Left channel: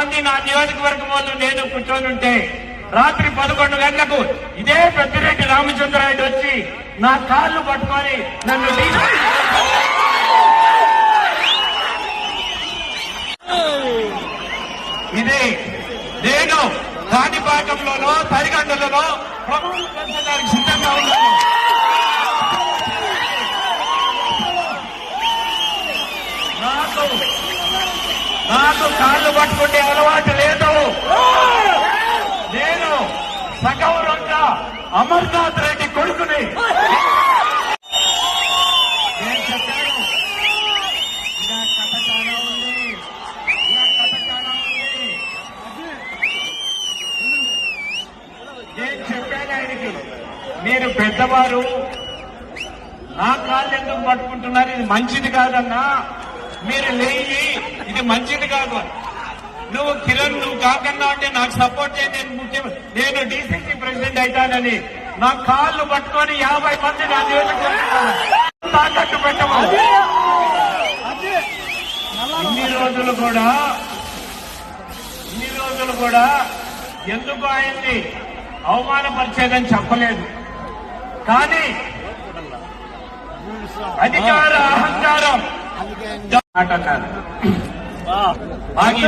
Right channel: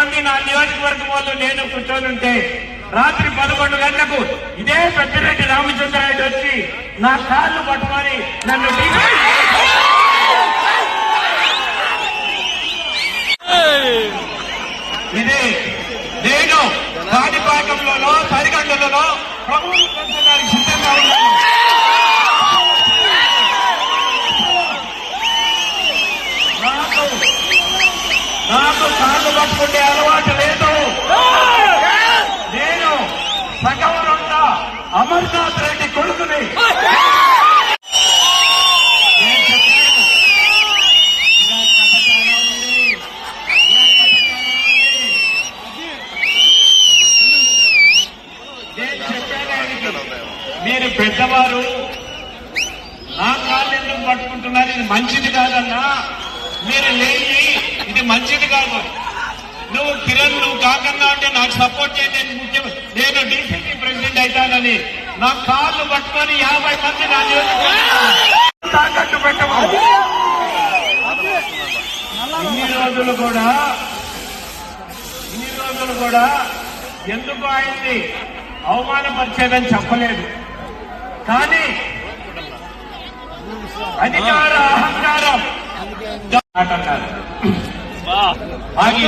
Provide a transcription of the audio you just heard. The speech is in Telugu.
మంది నా నియోజకవర్గం వాళ్ళు నేను కూర్చోనుంటే రాత్రి పదకొండు గంటలకు ఇదే పెద్దిరెడ్డి రామచంద్రారెడ్డి వచ్చి నా కాళ్ళు పట్టుకొని నన్ను ఇది నేను కాణిపాకంలోనో తరిగండలోనో ప్రభుత్వ పంచడానికి సిద్ధంగా ఉన్నాను నాకు నాకు కాళ్ళు పట్టుకుంటే అలవాటు లేదు నేను సగౌరవంగా అమర్నాథ్ రెడ్డి కొడుకుని మీరు పెద్దవారు నా కాళ్ళు ఎందుకు పట్టుకుంటున్నారు ఇది మంచిది కాదన్నా మీరు లేని ఇది మంచిది కాదు నువ్వు కిరణ్ నువ్వు కాకన్నా అంటే నాకు సపోర్ట్ చేయండి ముఖ్యమంత్రి నేను డీసీసీ ప్రెసిడెంట్ అవుతానని నా కాళ్ళు పట్టుకొని యాభై మంది నా తాకట్టు రోజులు కూడా ఇన్ని రోజులు కూడా ఎందుకు ఆయన్ని అవమానపరిచేదని చెప్పలేదు కానీ అధికార అహంకారం అంటారు ಹಾಗೆ